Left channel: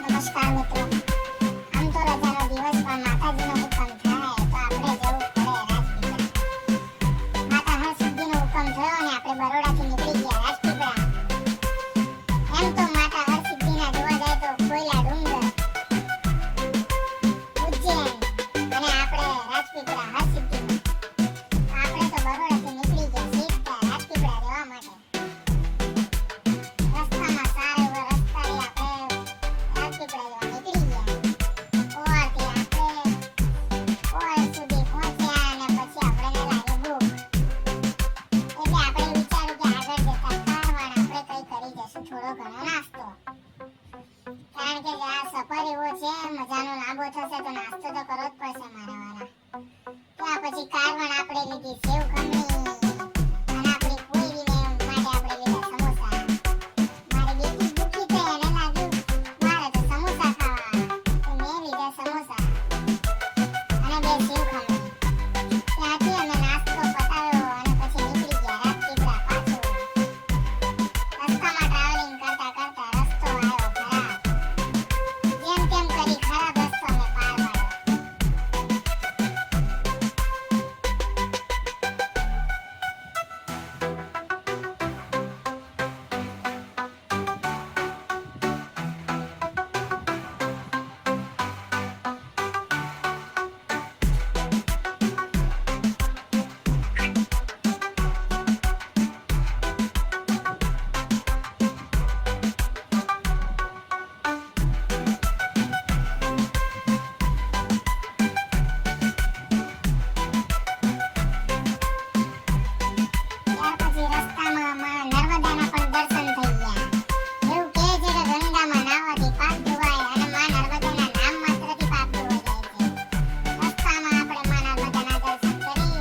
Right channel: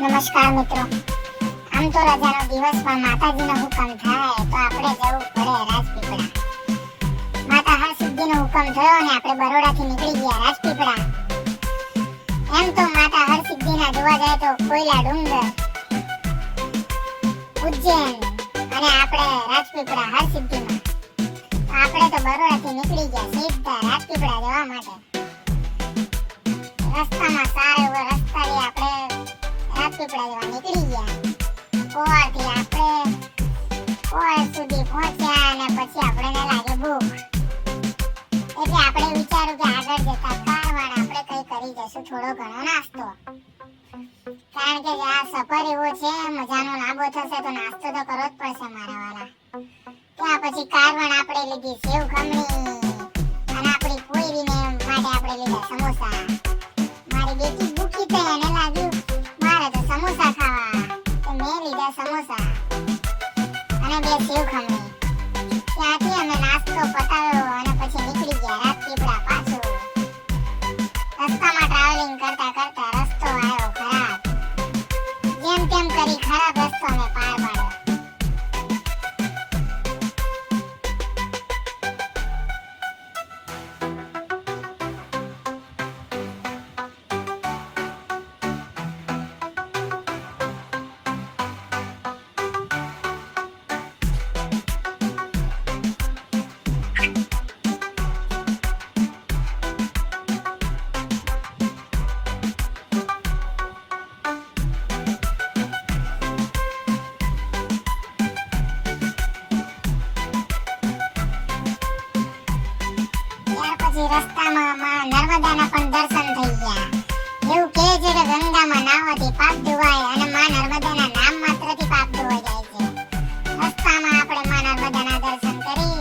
નમસ્કાર મિત્રો, આમ તો રજાનો દિવસ પણ માતાજીનો હુકમ થાય તો આપણે જવું પડે રાજપીપળા. માતા હરસિદ્ધિનો હુકમ થયો અને આપણે બરોડાથી નીકળી ગયા રાજપીપળા. એમ તો માતા હરસિદ્ધિના જોવા જાય તો કોયલા ડુંગર, ઉજ્જૈન અને આપણે રાજપીપળા હરસિદ્ધિમાં. આપણે તો બરોડાથી નીકળી ગયા સીધા રાજપીપળા જવા માટે. રસ્તામાં સારો એવો રસ્તાથી આપણે રાજપીપળા જવા નીકળી ગયા. કોવાળથી આપણે કોવાળ સુધી પહોંચ્યા અને પછી આપણને લાગે ભૂખ. એટલે આપણે વિચાર્યું કે આગળ જતા કારવાણ આપણે કઈ કરી જશું, થોડો ઘણો નાસ્તો. કારણ કે આ સફર એવો છે, મજાનો લાંબો થશે તો નાસ્તો તો કરવો જ પડશે મારા વાલા. ત્યાં પછી કારવાણ આપણે લીધી સેવ ખમણી અને આપણી પોઈરીને માટે આપણે લીધા સમોસા. મારી બેટી ભૂખી થઈ અને લાગ્યું મારે તો સમોસા ખાવા, તો મેં લીધા સમોસા અને બે સેવ ખમણી. ત્યાંથી અમે નાસ્તો પતાવ્યો અને પછી નીકળી ગયા રાજપીપળા પાછું. રસ્તામાં ટ્રાવેલિંગ કરતા કરતા રસ્તો આવ્યો ખરાબ. જેમ તેમ કરી ખરાબ રસ્તો અમે પાર પાડ્યો. રસ્તામાં નર્મદાના પણ દર્શન થઈ ગયા. એવું કહે છે કે ગંગામાં નાહવાથી પાપ ધોવાય અને માં નર્મદાના નામ માત્રથી પાપ ધોવાઈ જાય છે. રસ્તામાં આપણે માં નર્મદાના દર્શન કરી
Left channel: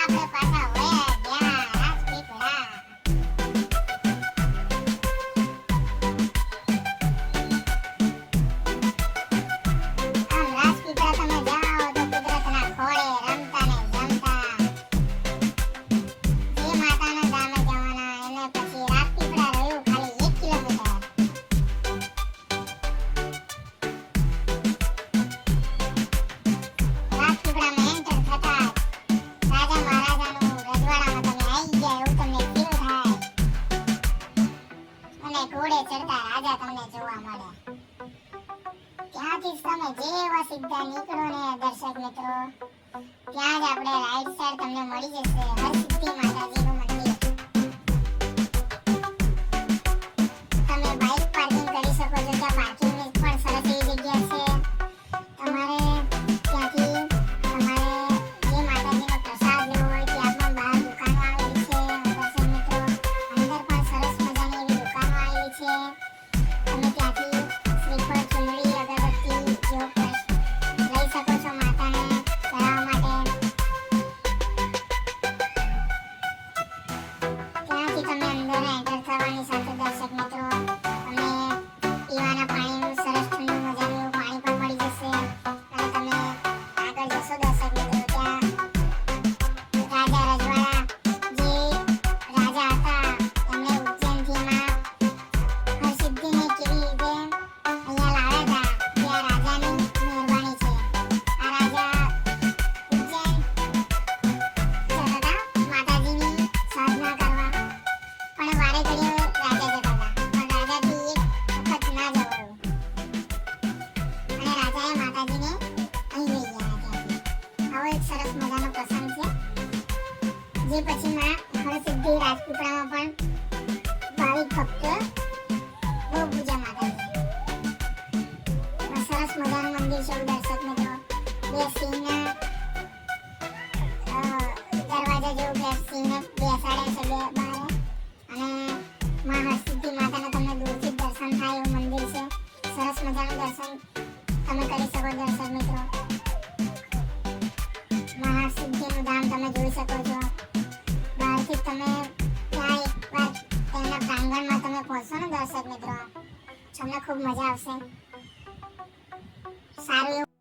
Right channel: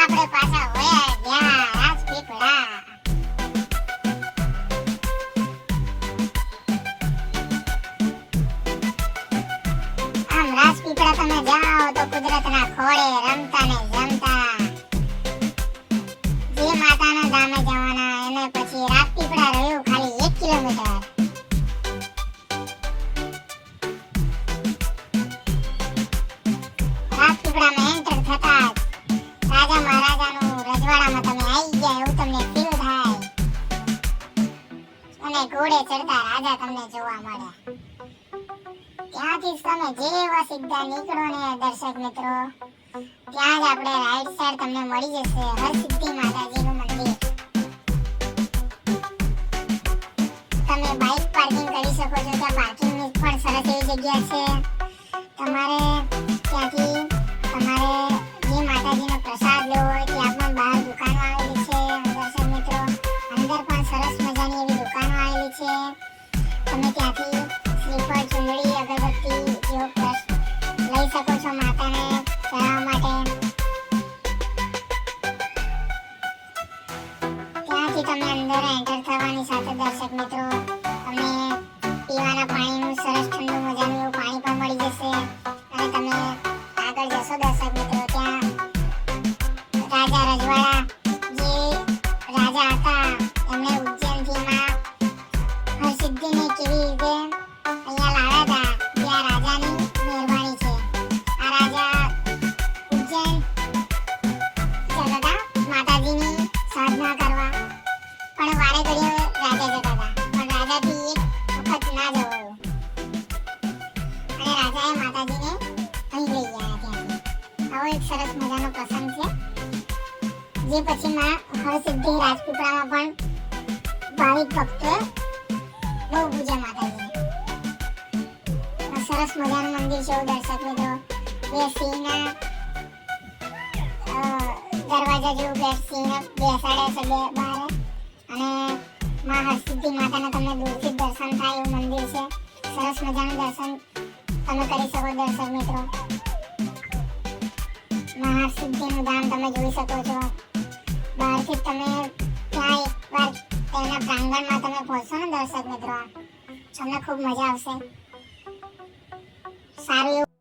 આપણે પાછા વયા ગયા રાજપીપળા. આમ રાજપીપળા તમે જાઓ તો કુદરતના ખોળે રમતા ને જમતા. જે માતાના ધામે જવાના એને પછી રાજપીપળા રહ્યું ખાલી 1 કિલોમીટર. રાજપીપળામાં એન્ટર થતા રાજા મહારાજાનું રજવાડામાં તમે આવી ગયા એવું તમને ફીલ થાય અને ઘોડે ચડતા રાજા તમને જોવા મળે. ત્યાંથી તમે જેવા સીધા નીકળો ને દર્શક મિત્રો, ત્યાં જ આપણે રાઈટ સાઈડ તમને મળી જશે હરસિદ્ધિ માતાજીનું મંદિર. તમે બાઇક પાર્કિંગ કરી શકો છો. ત્યાં પાર્કિંગની પણ સરસ એવી જગ્યા છે. તમારે ત્યાંથી તમારે જે માતાજીનો પ્રસાદ લેવો હોય ત્યાં પણ બહાર દુકાનો આવેલી છે દર્શક મિત્રો. અંદર પણ સરસ મજાની એવી દુકાનો આવેલી છે. તમે ત્યાંથી શ્રીફળ, ચૂંદડી, અગરબત્તી જેવો લઈ શકો છો માતાને ચડાવવા માટે. ત્યાંથી તમે અંદર એન્ટર થવાની સાથે દર્શક મિત્રો તમને પીવાના પાણીનું સરસ ઠંડુ મજાનું એવું પાણી પણ મળી જશે. અને તમે આગળ જશો દર્શક મિત્રો, ત્યાં રાજા રજવાડા જે રાજા હતા એમણે ઉજ્જૈનથી માં હરસિદ્ધિને કેવી રીતે અહીંયા લાવ્યા હતા ત્યાં રાજાની મહેરબાની છે. આ રાજા ઉજ્જૈન જતા હતા માતાજીની સાધના કરવા, પણ વારે ઘડીએ રાજા જતા હતા પણ રાજાથી એક વખત ના જવાયું અને રાજાએ માતાજીને અહીં લઈ ગયા ત્યાંથી. આવો એક સરસ મજાનો પ્રસંગ છે જે પછી માં હરસિદ્ધિ રાજપીપળામાં પણ ભાવિક ભક્તો બહુ પૂજે માતાજીને. સરસ મજાનું મંદિર છે દર્શક મિત્રો. બે સિંહના દરવાજા જેવું બે સિંહને બેસાડે છે બે બહાર અને માં હરસિદ્ધિ માતાના તમને દૂરથી દર્શન થાય એવું મંદિર છે. સરસ મજાનું દર્શન તમે કરી શકો દર્શક મિત્રો. માં હરસિદ્ધિનું ધામ તમે જોઈ શકો છો. બહારથી તમે ત્યાં એકવાર તેના પ્રાંગણમાં તમે પહોંચો ને દર્શક મિત્રો, તમને ખૂબ મજા આવશે. સારું એવું